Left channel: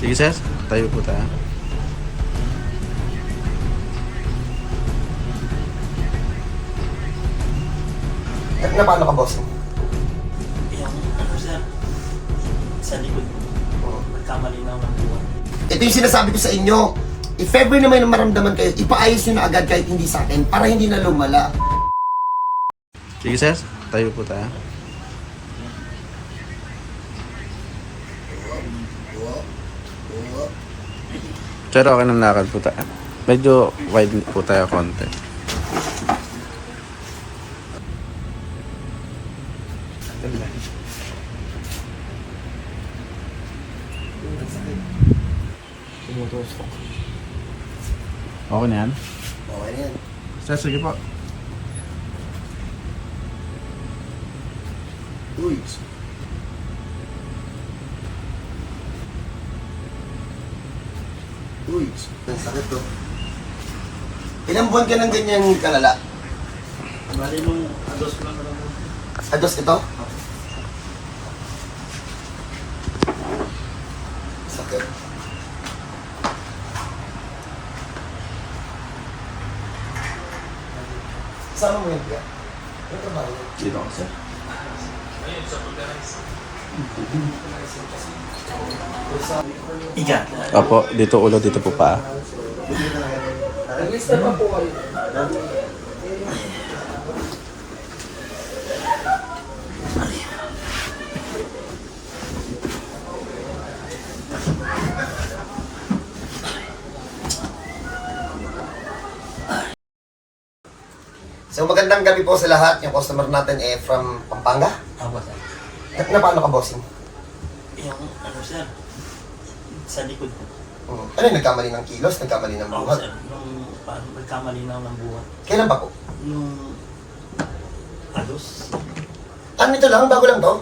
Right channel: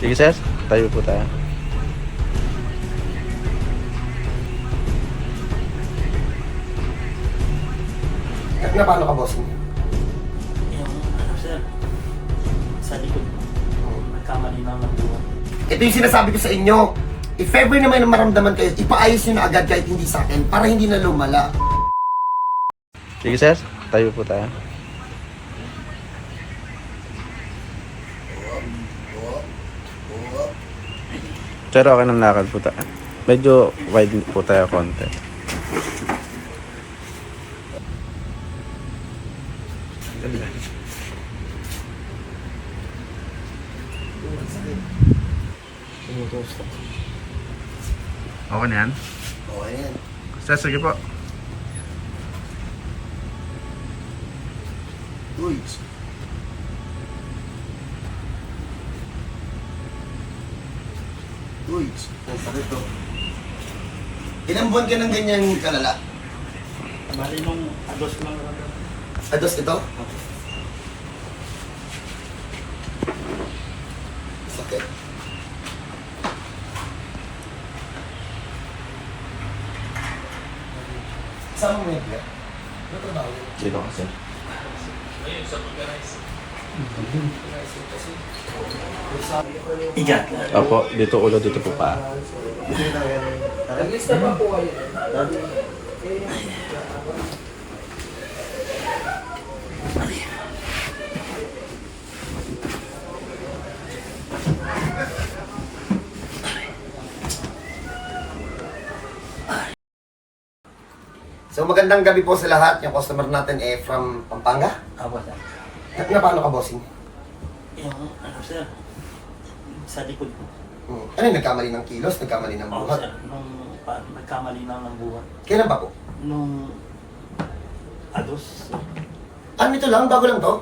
Sige sir, tayo po tayo. At na paano ka, boss? Yung, ano sir, sa likod mo, nagkamali lang ng buwan. Ito yung sinasabi ko sa inyo. If ever na maramdaman kayo, ipaayos nyo na agad kahit hindi sa akin para hindi na lumala. Sige sir, tayo po tayo. Pero okay ng lakad po tayo. Medyo wide po tayo konti. Okay na yan? Okay na yan. Sir, sige po. Uy. Uy. Ang sakit to. Ilang buwan ka ng ganyang kalala? Bali nung agos ko lang ito. Ados ito? Sakit. Saan mo yan, Pia? Ano trabaho yan? Dito ka sir. Igat. Opo, dito ulo, dito po pa. So magandang gabi po sa lahat. Yung customer natin eh from Pampanga. Apo sir. Na, na paano ka, bossing? Yung, ano sir, sa likod mo. Hmm. Ano yung nagkamali ng kilos? Nagkamali ng Ako buhat? sir, nung paano nagkamali lang ng buwan. Kailan ba po? Nung agos. Ano ito lang? Bago lang to?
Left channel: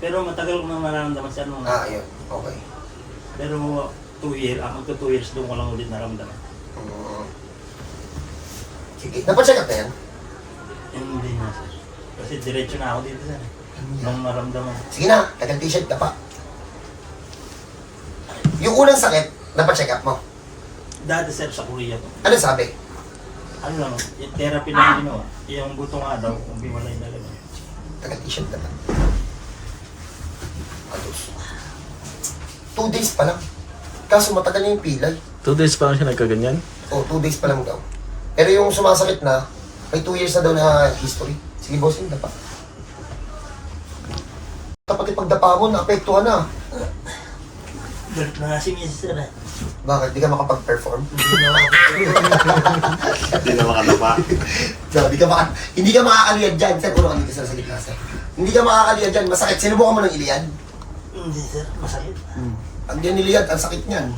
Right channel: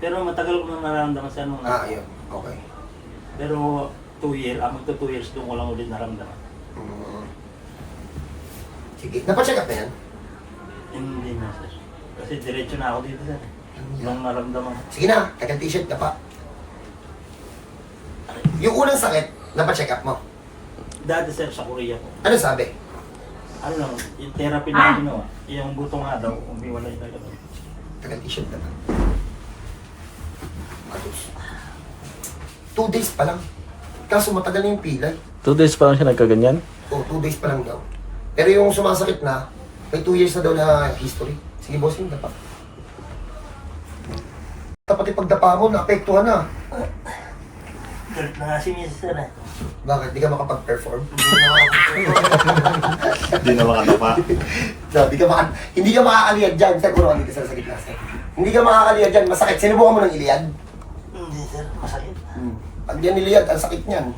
Pero matagal ko nang nararamdaman sir nung Ah, ayun. Okay. Pero 2 years, ah, magto 2 years doon ko lang ulit naramdaman. Hmm. Sige. Napacheck up na yan? Hindi na sir. Kasi diretso na ako dito sir. Nung maramdaman. Sige na. Tagal t-shirt ka pa. Yung unang sakit, napacheck up mo. Dati sir sa Korea. Ano sabi? Ano, yung therapy na ginawa, yung butong nga daw, kung biwalay na gano'n. Tagal t-shirt ka pa. Ayos. Two days pa lang. Kaso matagal na yung pilay. Two days pa lang siya nagkaganyan? O, two days pa lang daw. Pero yung sumasakit na, may two years na daw na history. Sige, bossing, dapa. Dapat ipagdapa mo, naapektuhan na. Galit na nga si. Sir eh. Bakit? Di ka makapag-perform? Hindi na makalapa. No, di ka maka hindi ka makakaliyad dyan. Sir, puro dito sa sakit na, sir. Hindi ka makakaliyad dyan. Masakit. Sinubukan mo ng iliyad? Hindi sir, masakit. Pag yan niliyad, ang sakit niyan.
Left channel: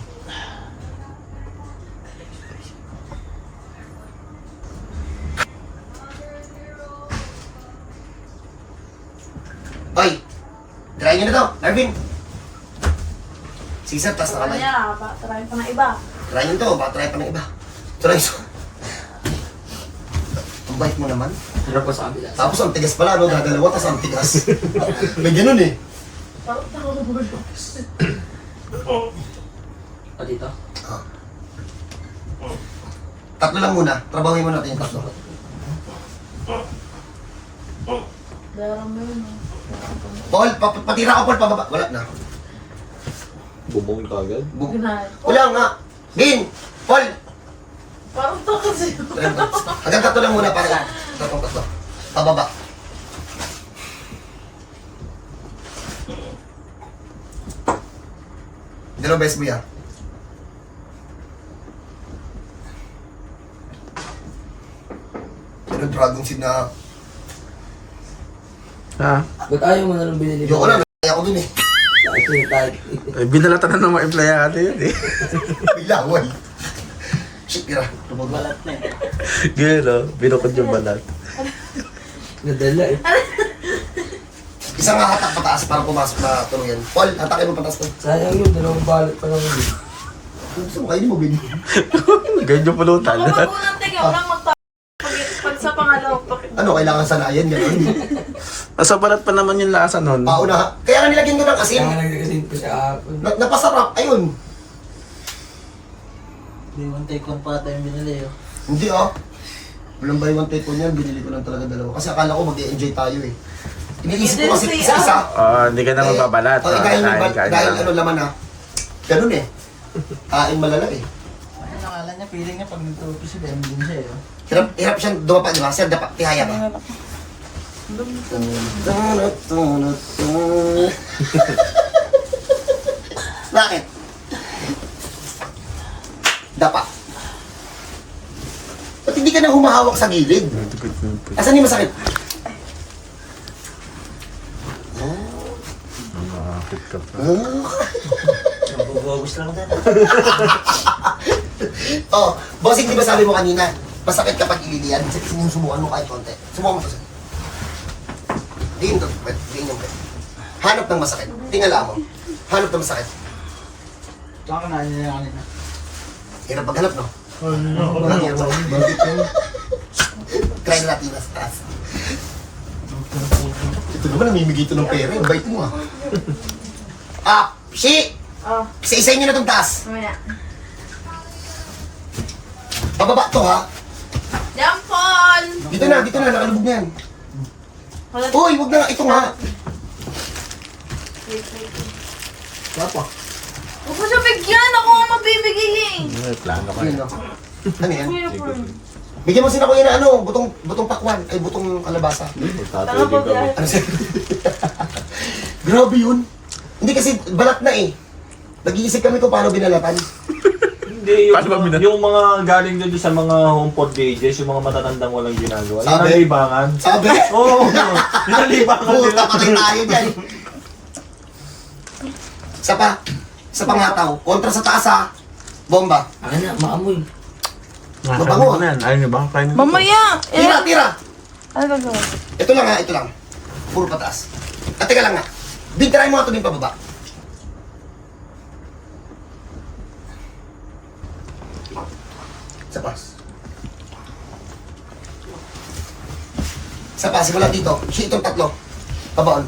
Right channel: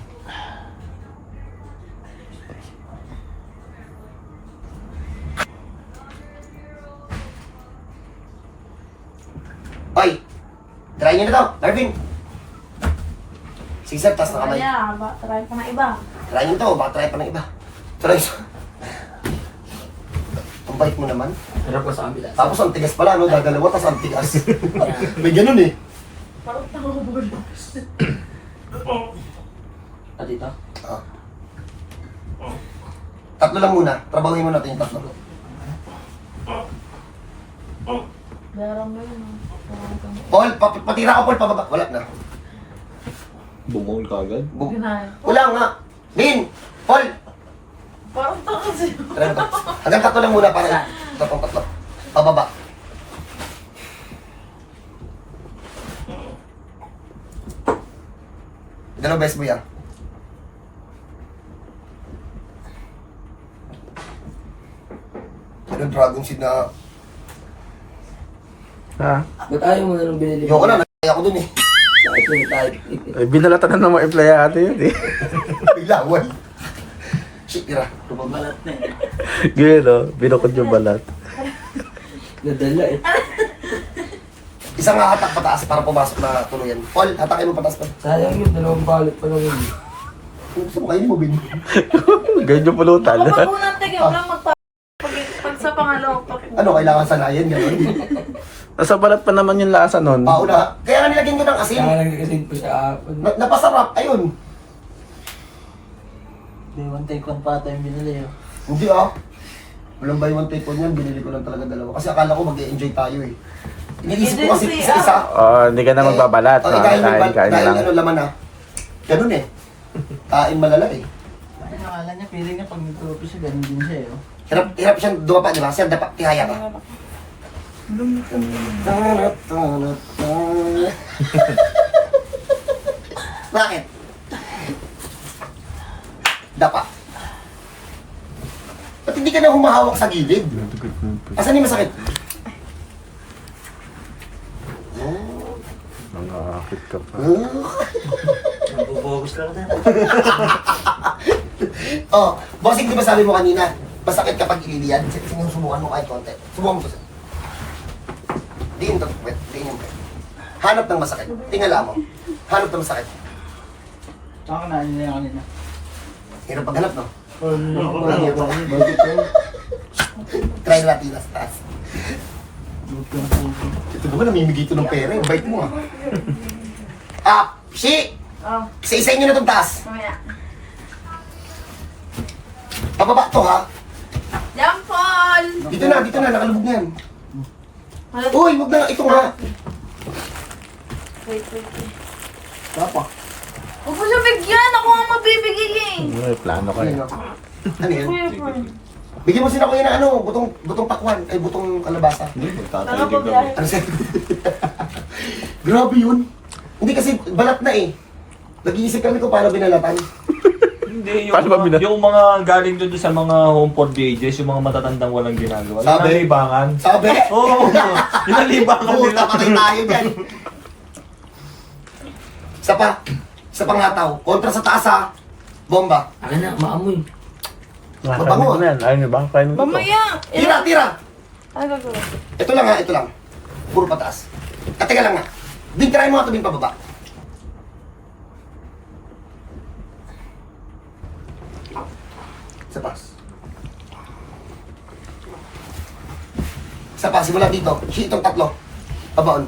Oy! Try nyo na to, Marvin! Sige sir, taas na kamay. Kaya, ba, try pa ng iba. Try nyo to, baka try pa ng iba. Try nyo. Ang bait mo naman. Harap ko sa kabila. Tapos ang tigas pala, no? Dadalawa, tapos ang tigas. May ganun eh. Parang tumubol. Ah, dito? Ah. Tatlo lang muna. Trabahuin mo natin yung tatlo. Eh. Paul, pa patira ka Paul, pababa. Wala na. Bumungol ka agad? Bu-. Wala nga. Bin! Paul! Parang to kasi. Tara na. Hanggang tatlo lang muna para tatlo tatlo. Pababa. Dalawa best mo yan. Pero dragon seed na... Ha? Ba't ayaw mo na lang binili Ayoko na, naya ko dun eh. Eh, binalatan na ng mga empleyado yun eh. May laway. Shit, tira. Balat na eh. Yun o, binukod yung balat. Nadala eh. Isang hatak pataas para pumasok na tuluyan. Paul, hatakin mo pataas pa. Sayang yun, dalawang balat pa naman eh. Kung gusto mo, kainin mo, Bin. Ganyan yung pulutan. Muna teka, walang magpa... Pag, sa pangalawa, pag... Ano, kailangan sanayan, gano'n. Nasa balat pa naman yung lasa nun. Pauna. Kaya nga nilagyan ko ng asin. Kaya nagkakasin pa siya. Na, napasarap. Ayun. May one take one pa tayo binili. oh. Hindi ah. Walang buy one take one yan. Binili ko lang talaga dalawa. Kasi akala ko mag-enjoy tayo eh. Iniisip ko kasi Hindi, isa-isa. Oh, hindi ka na magbabalat. Eh, oh, eh, Ah, dahil, dahil lang. ano laman ah. Ganun eh. Kain malala eh. Ay, nakala niya, pwede nga pag nag-trophy si Ben din siya eh. Hirap, hirap siyang dumapa, di ba? Sir, dapat tihaya ka. Bakit? Dapat. Ba't hindi ka na humahawak sa gilid? Asan yung masakit? Nakakakit ka pa. Nabubogos lang din. Oh, bossing, di ba sabi mo kanina, masakit kapag ililiad? Sige, sinusubukan mo kahit konti. Subukan mo to, Tingin to, wait, tingin yung pwede. Hanap ng masakit. Tingala mo. Hanap ng masakit. Baka na yung kanina. Hirap maghanap, no? Try natin sa taas. Ito naman, namimigay ito ng pera. Yung bike mo, ah. Ah, shi! Oh, Isa-isa nyo na itong taas. mamaya. Pababa to, ha? Jampol! Dito na, dito na. Nakalubog na yan. Wala Uy, wag na. Ito nga. Wait, wait, wait. Dapat. Huwag mo siya bigyan! Ako ang mabibigay eh! May plano ka. Ayun, oh. Ano yan? Kuya. Bigyan mo sila kuya na ano, butong, butong pakwan, ay butong kalabasa. Tanga pa biyahe. Ano siya? Grabe yun. Hindi kasi balat na eh. Nag-iisip kami kung paano binalatan. Hindi, yung, Paano ba bina- yung mga galing doon sa mga home for DJs, yung mga matatandang walang ginagawa. Sabi? Yung nalibangan. Sabi, Oo, oh, yung nalibangan puta nila. patay tayo dyan. Isa pa. Isa pang hataw. Kontra sa taas ha. Bomba. Ano na, maamoy. Mabango, Nakakain na yan. Ayaw niyo ba? Kain na. Mamaya! Tira, tira. Ano? Ito lang ha, ito lang. Puro pataas. At teka lang nga. Bintirahin mo nga ito din pababa. Sa pas. Pas, simula dito. Si itong tatlo. Pabaon.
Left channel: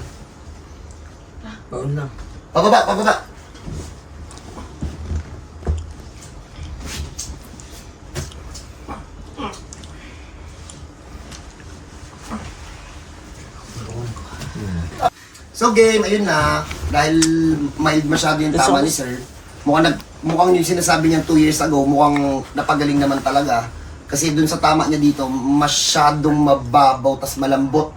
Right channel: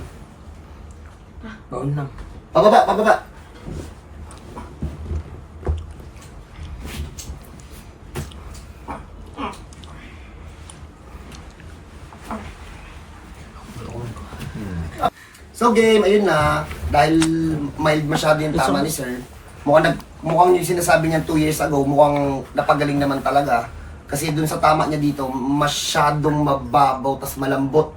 Baon na. Pababa, pababa. So game, ayun na. Dahil mild masyado yung tama ni sir. Mukhang, nag, mukhang yung sinasabi niyan 2 years ago, mukhang napagaling naman talaga. Kasi dun sa tama niya dito, masyadong mababaw, tas malambot.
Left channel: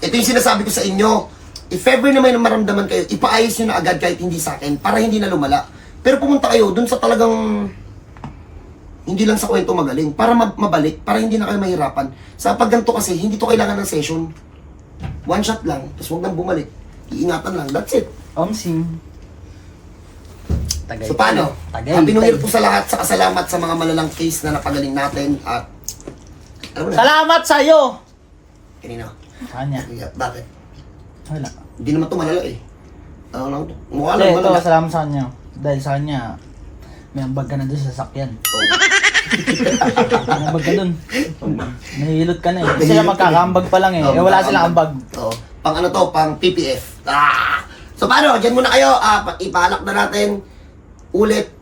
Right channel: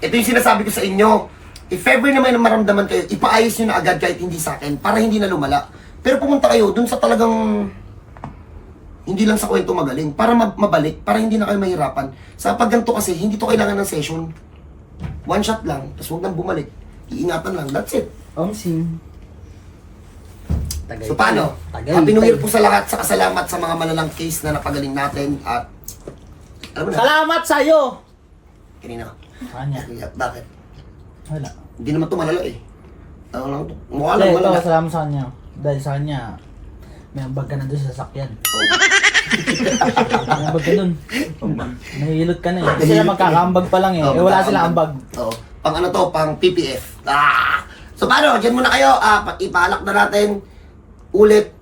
Ito yung sinasabi ko sa inyo. If ever na maramdaman kayo, ipaayos nyo na agad kahit hindi sa akin, para hindi na lumala. Pero pumunta kayo dun sa talagang hindi lang sa kwento magaling, para ma- mabalik, para hindi na kayo mahirapan. Sa pagganto kasi, hindi to kailangan ng session. One shot lang, tapos huwag nang bumalik. Iingatan lang, that's it. Omsim. So paano? Happy New Year po sa lahat, sa salamat sa mga malalang case na napagaling natin at alam mo na, Salamat sa'yo! kanina. Kanya. Bakit? Wala. Hindi naman to malala eh. Ano lang to? Mukha lang Hindi, ito, malala. salamat sa kanya. Dahil sa kanya, may ambag ka na doon sa sasakyan. may ambag ka doon. Nahihilot ka na eh. Kasi sila ka magkakaambag pa lang eh. Oh, eh wala silang ambag. Oo. Pang ano to, pang PPF. Ah! So paano, dyan muna kayo. Ah, pa- ipaalak na natin ulit.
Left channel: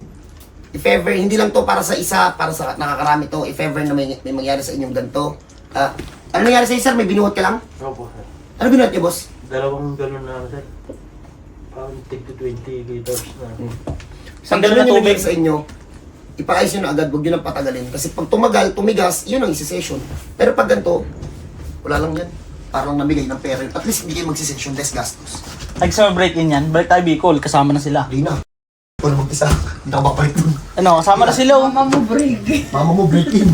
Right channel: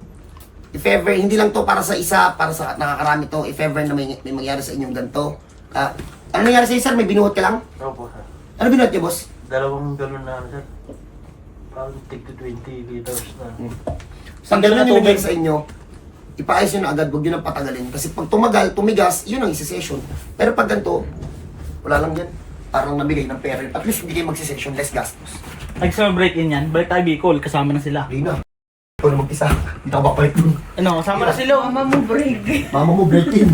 If ever, hindi lang to para sa isa, para sa nakakarami to. If ever na may, may mangyari sa inyong ganito. Ah, ano nangyari sa sir? May binuhat ka lang? Opo, sir. Ano binuhat niyo, boss? Dalawang ganun na, sir. Parang tig to 20 liters na. Pag gano'n yung nangyari sa inyo, ipaayos nyo na agad, huwag nyo nang patagalin. Kasi pag tumagal, tumigas, yun ang isi-session. Pero pag ganito, wala lang yan. Parang namigay ng pera. At least hindi kayo magsi-session, less gastos. Gusto mo break in yan? Balik tayo Bicol, kasama na sila. Hindi na. Ikaw na mag-isa. Hindi ako babalik dun. Ano, kasama na sila. oh. Mama mo break. Mama mo break in.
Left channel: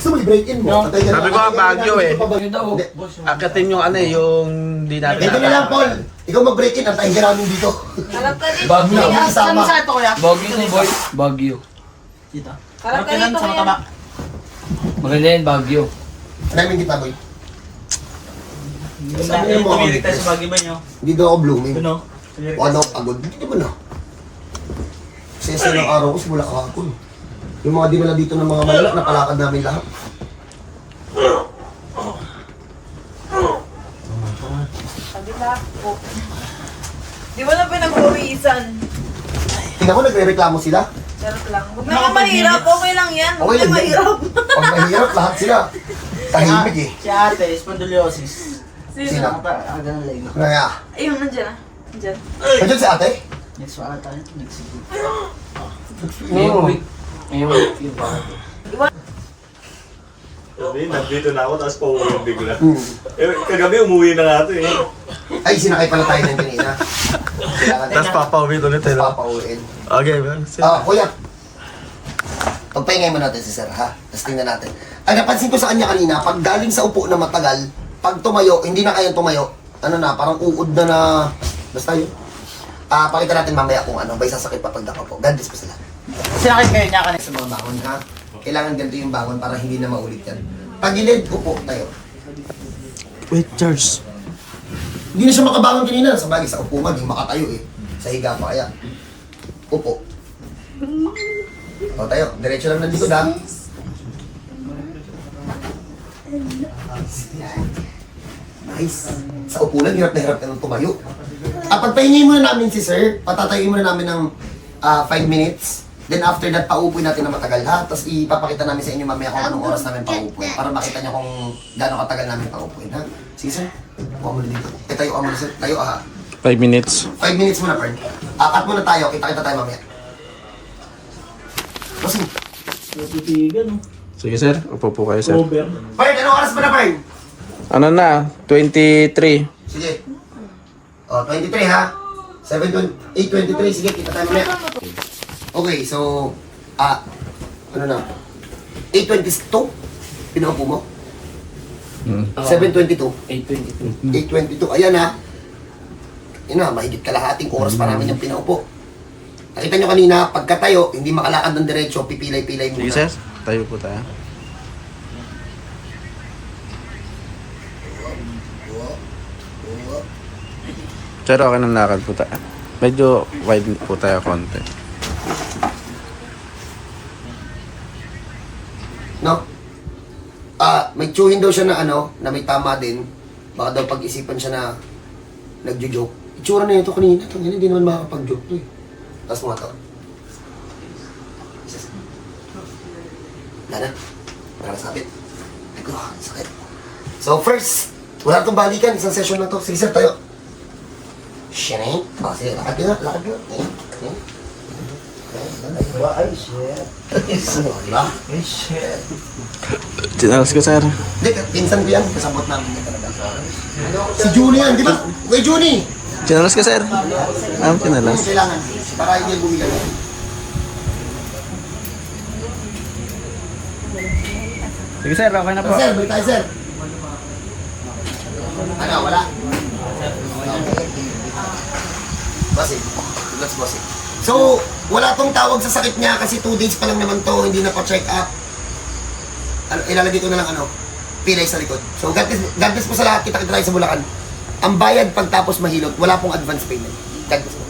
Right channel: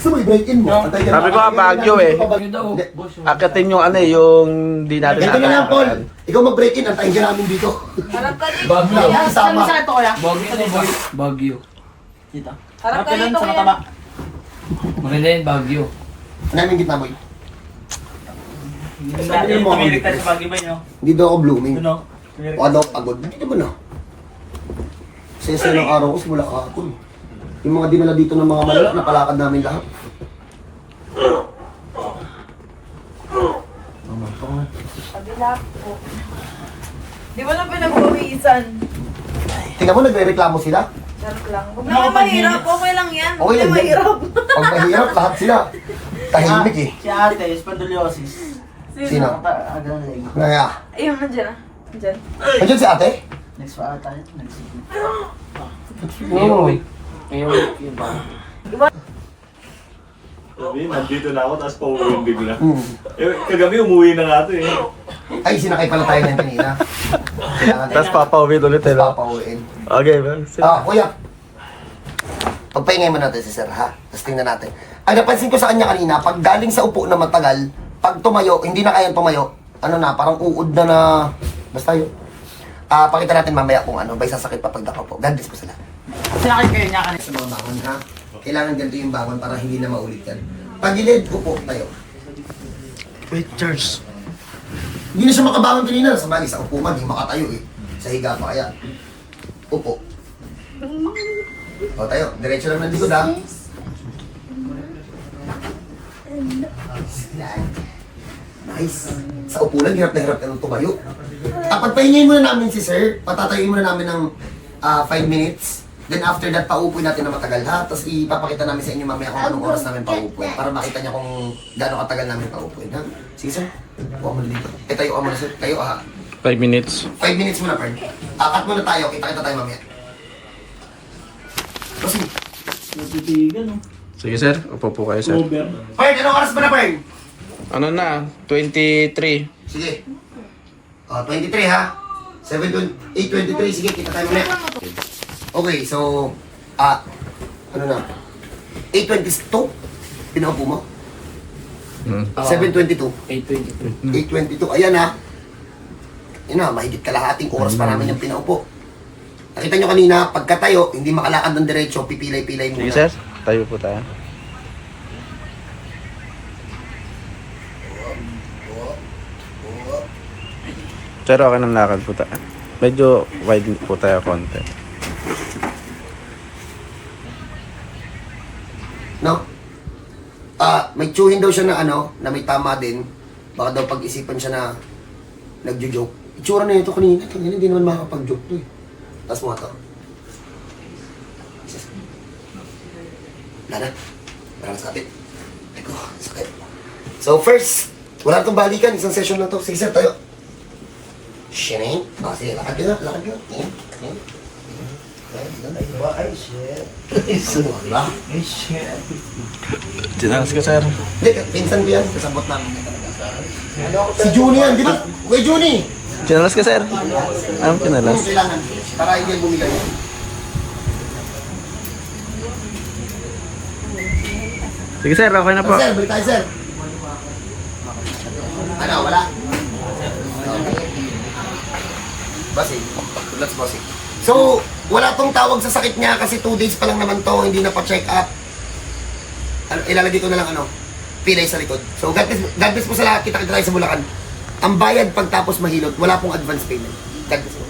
Gusto mo i-break in mo? No. Patay ka na. Sabi ko nga, Baguio eh. Ano daw? Hindi. Akatin yung ano eh, yung di natin. Ganito na lang, Paul. Ikaw mag-break in, antayin ka namin dito. Harap ka dito. Bagyo. Kasama. mo sa ito, kuya? Bagyo na, boy. Bagyo. Dito. Harap ka dito, sa mataba. Maganda yan, Bagyo. Namin kita, boy. Sabi mo ako tumirik tayo sa ba nyo? Hindi daw ako blooming. Ano? O ano, pagod. Hindi mo na. Kasi sa ilang araw ko, simula kahapon. Yung mga dinala dito ng mga malak, napalakad namin lahat. Sakto. Di mo na pinagpawisan. Tingnan mo, nagre-reklamo sila. Charot lang. Huwag naman mahirap. Okay lang yan. Huwag Okay mahirap. Pag mahirap, lahat sila. Tahimik eh. Si ate, spondylosis. Sino? Sino? Agang leg. Kaya, Ayun, nandiyan ah. Nandiyan. nandiyan si ate? Next pa ata. Next Ngayon week. Ngayon week yun. Sabi, nandito na ako, tapos pauwi bigla. Hmm. Eh, kagabi umuwi na nga ito eh. Ay, sinakay pala tayo ng kanina. Tapos papauwi ulit Tapos eh. papauwiin. Okay, ba? Sir. Ah, kuya. Pagpahingay mo natin si sir, ha? Tapos tingnan natin. Ang napansin ko sa kanya kanina, pag galing sa upo na matagal, pag tumayo, hindi na kayang tumayo, ano na, parang uod na na, basta yun. Ah, pakita natin mamaya kung ano, ba sasakit pa pag po. God bless po sila. Kasi nakikaya niya kanina. Sa mga bangon, ha? Kailangan ganito yung bangon para hindi na maulit yan. Pagilid, upo tayo. Wait, Charles. Hindi na siya makabangon kanina. Sa bagay, sa upo man, hindi makatayo eh. Sa higa pa kaya. Upo. O tayo, diretso lang ng likod ha. Nice. Sa upo lang, hirap na hirap ka nang tumayo. Ah, pagpahingin muna namin si sir, patatayin muna namin ng 5 minutes. Then after that, paupuin natin na matagal ha. Tapos ipapakita namin sa inyo mamaya kung anong oras namin paupuin. Para makita niyo kung gaano katagal namin paupuin ha. Sige sir, buka mo na dito. Eh, tayo ka muna sir. Tayo ha. 5 minutes. 5 minutes muna, Pern. Akat muna tayo. Kita-kita tayo mamaya. Kasi, Natitigan, no? Sige, sir. Upo po kayo, sir. Over. Pern, anong oras ba na, Pern? Ano na? 23. Sige. O, 23 ha. 7, 8.23. Sige, kita tayo mamaya. Okay, so, ah, ano na? 8.22? Pinaupo mo? Hmm. 7.22. 8.22. 8.22. Ayan ha. Yun na, mahigit kalahating oras pa namin yung pinaupo. Nakita nyo kanina, pagkatayo, hindi makalakad ng diretso, pipilay-pilay muna. Sige, sir. Tayo po tayo. Sir, okay ng lakad po tayo. Medyo wide po tayo konti. No? Ah, may tsuhin daw siya na ano, na may tama din. Baka daw pag-isipan siya na nagjo-joke. Itsura na ito kanina. Ito, hindi naman makakapag-joke to eh. Tapos mo nga to. Wala na. Parang sakit. Eko, sakit. So first, wala itong balikan. Isang session lang to. Sige tayo. Shinay. Ah, sige, lakad yun. Lakad yun. Ayan. Ayan. Ay, ba? Ay, shit. Wala. Ay, shit. Tinalas ko, sir. Hindi, pinsan ko yan. Kasabot talaga. Si Juni yan, di ba? Kuya Juni! Tinalas ka, sir. Anong tinalas? Ano kailangan? Para hindi bumila yan. Sige, sir. Okay na po. Oh, sir, balik tayo, sir. Ano, wala? Bossing. That's bossing. So, wala tong tawag sa sakit niya kasi 2 days pa lang naman to, hindi na pa-check up. Ano, ilalagay ko na lang ano, pilay sa likod. So, God bless, God bless po sa lahat. Kita-kita tayo sa Bulacan. Ang bayad pagtapos mahilot, wala pong advance payment. God bless po.